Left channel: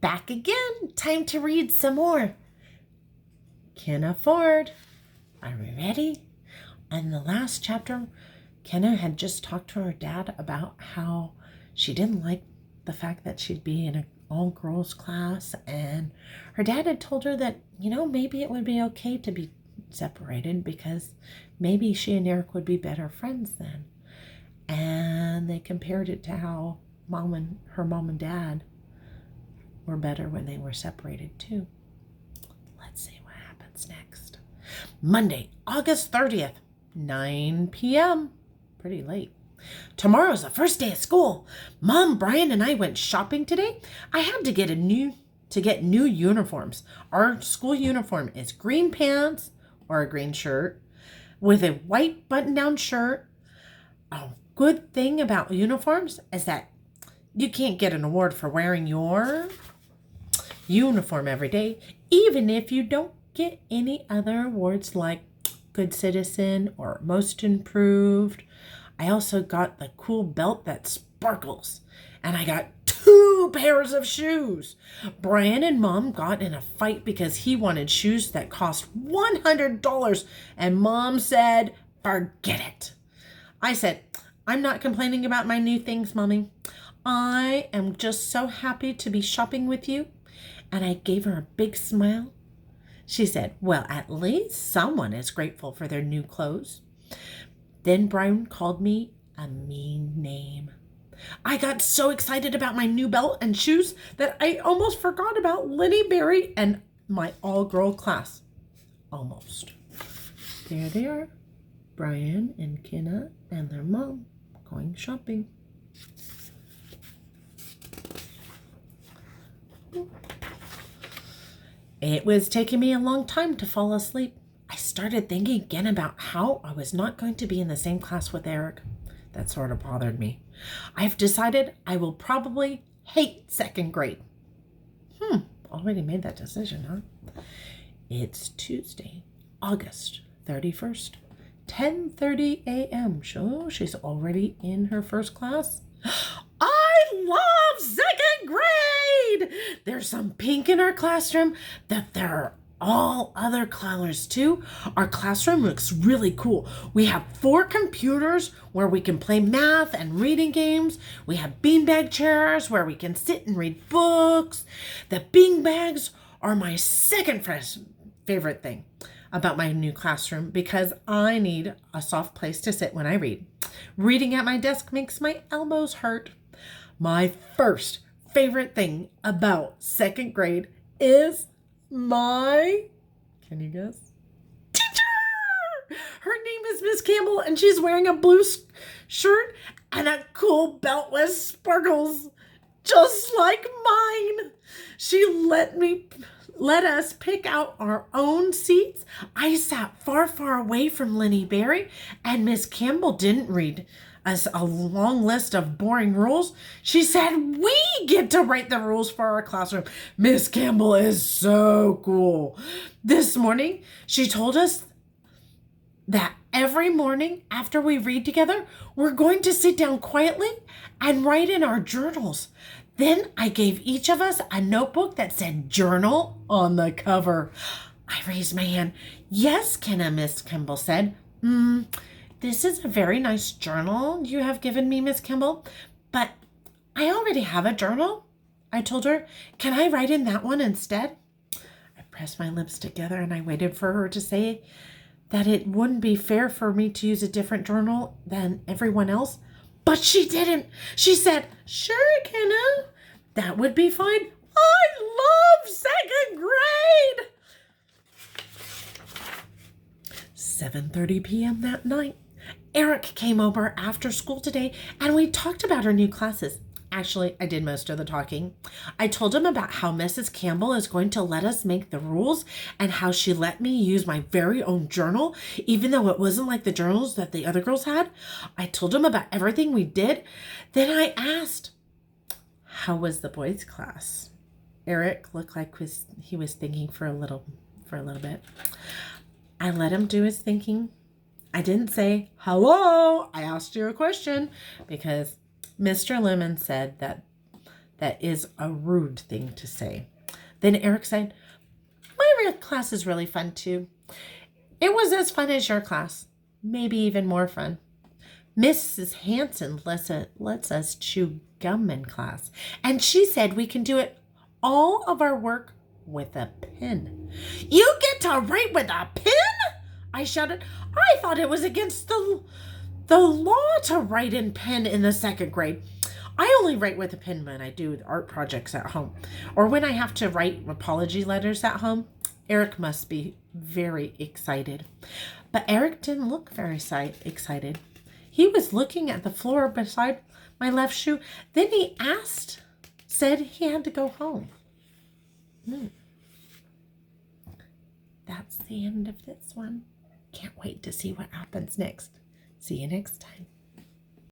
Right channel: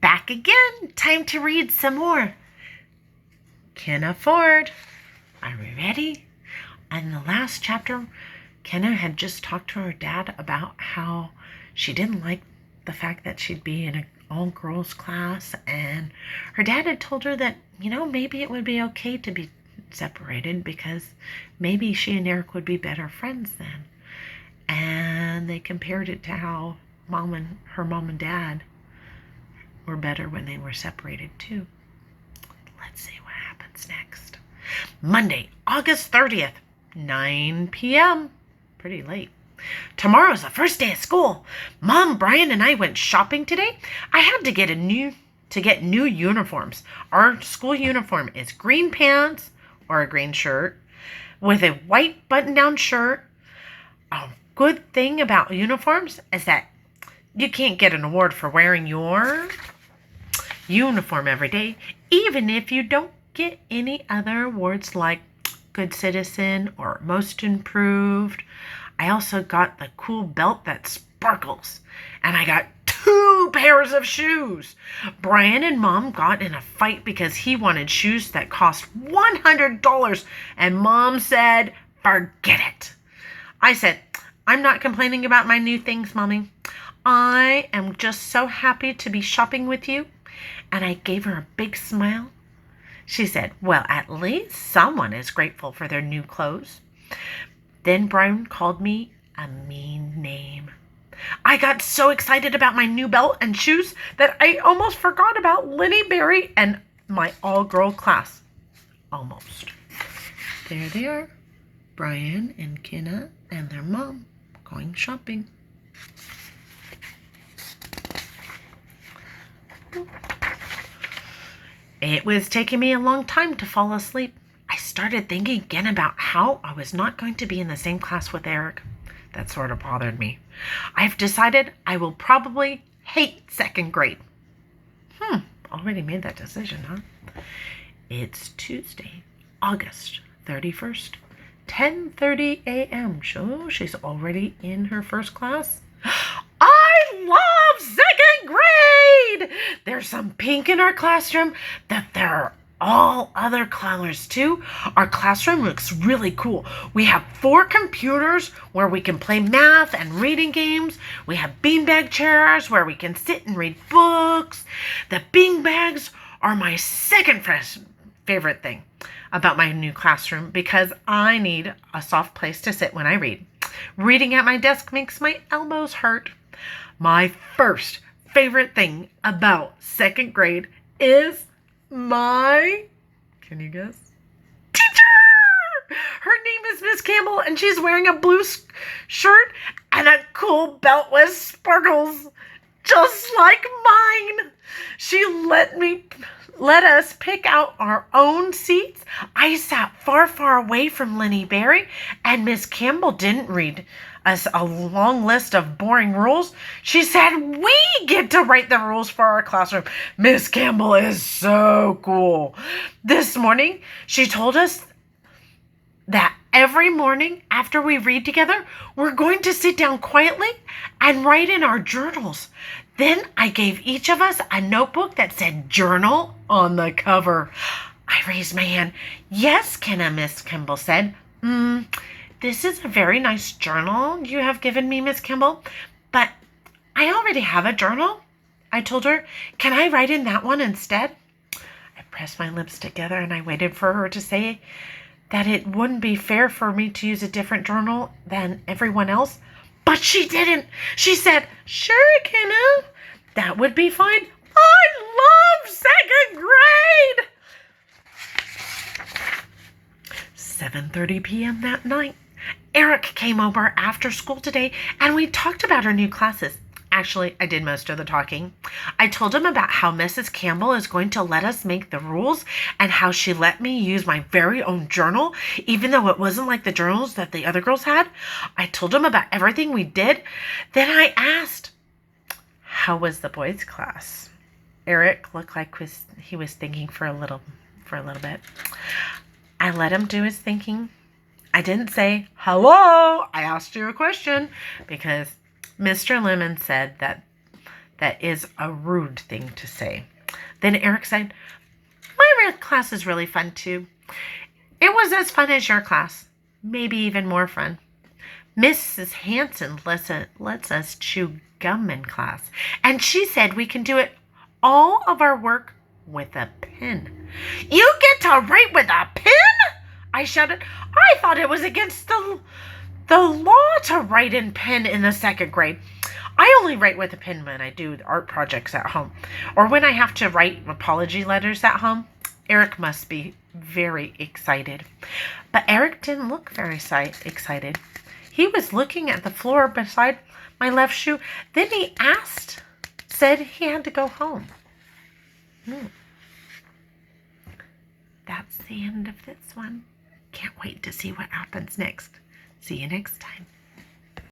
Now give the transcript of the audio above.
Back again. Time to read some more. Kenna Ford. Are we ready? In the last chapter, Kenna had just talked to her dad about how she didn't like the fact that she'd be in an all-girls class, and her dad had told her that, maybe it would be okay to be separated because maybe she and Eric would be better friends then. And they compared it to how her mom and dad were better when they were separated too. Let's see what happens next. Monday, August 30th, 9 p.m. Pretty late. Tomorrow's the first day of school. Mom, Brian, and I went shopping today. I had to get new uniforms. Our school uniform is green pants or a green shirt with a white button-down shirt. A good thing about uniforms is that you can't get an award for wearing your uniform every day, even if you don't get any other awards like Good Citizen or Most Improved. I also got the cool belt that sparkles, and I got 2 pairs of shoes. Brian and Mom got in a fight because he wanted shoes that cost $100, and Mom said, forget it. I said, I'm not complaining about my new things, Mommy. I am just so happy to be shopping with you. And I gave her a big smile. She said, well, at least someone is grateful for their new clothes. Then Brian called me a mean name. I got so excited about my new belt and shoes that I almost forgot about Lenny Berry and my all-girl class. Almost. There they are, Brian and Kenna and their mom going shopping. It was taking me a long time to fall asleep. I started thinking again about how I was not going to be in the same class with Eric. That sort of bothered me. I've decided I will probably hate second grade. Already made that decision, huh? It's Tuesday, August 31st, 10:30 a.m. So she's already in her first class. I love second grade! There's some pink in our classroom that there are all other colors too. Our classroom looks really cool. We have 4 computers where we can play math and reading games. We have beanbag chairs where we can sit and read books. The beanbags are my second favorite thing about my new classroom because I need a soft place to sit when I read. Reading at my desk makes my elbows hurt. My first favorite thing about second grade is can you guess? Teacher! Her name is Miss Campbell, and she's wearing a blue shirt and a cool belt with sparkles, just like mine. She let us pick out our own seats. I sat far, far away from Lenny Berry, and Miss Campbell didn't read us a long list of boring rules. She said we get to write the rules for our classroom. Miss Campbell is so cool. This morning, she told us that every morning after we read together, we're going to sit down quietly and write in our journals. Then I gave each of us a notebook that said journal on the cover. I raised my hand. Yes, Kenna, Miss Campbell said. This is a very nice journal you have given me, Miss Campbell, but I already have a journal. I told her, can I write in that one instead? I pressed my lips together and I waited for her to say that it wouldn't be fair for me to use a different journal than everyone else. But she didn't. She said, sure, Kenna, that would be fine. I love second grade. 7:30 p.m. that night. Eric came over after school today and we talked about our new classes. Actually, I did most of the talking. I told him about how Mrs. Campbell is going to let us make the rules and how she let me use my very own journal, even though it wasn't like the journals that the other girls had. I told him about everything we did. Then I asked, how was the boys' class? Eric looked like he was thinking for a little bit. I let him do his thinking. I didn't say, hello, I asked you a question, because Mr. Lemon said that that is a rude thing to say. Then Eric said, my class is really fun too. It was as fun as your class, maybe even more fun. Mrs. Hanson lets us chew gum in class, and she said we can do all of our work with a pen. You get to write with a pen? I shouted. I thought it was against the law to write in pen in the 2nd grade. I only write with a pen when I do art projects at home, or when I have to write apology letters at home. Eric must be very excited. But Eric didn't look very excited. He was looking at the floor beside my left shoe. Then he said he had to go home. That's the end of this one. Can't wait to see what happens next. See you next time.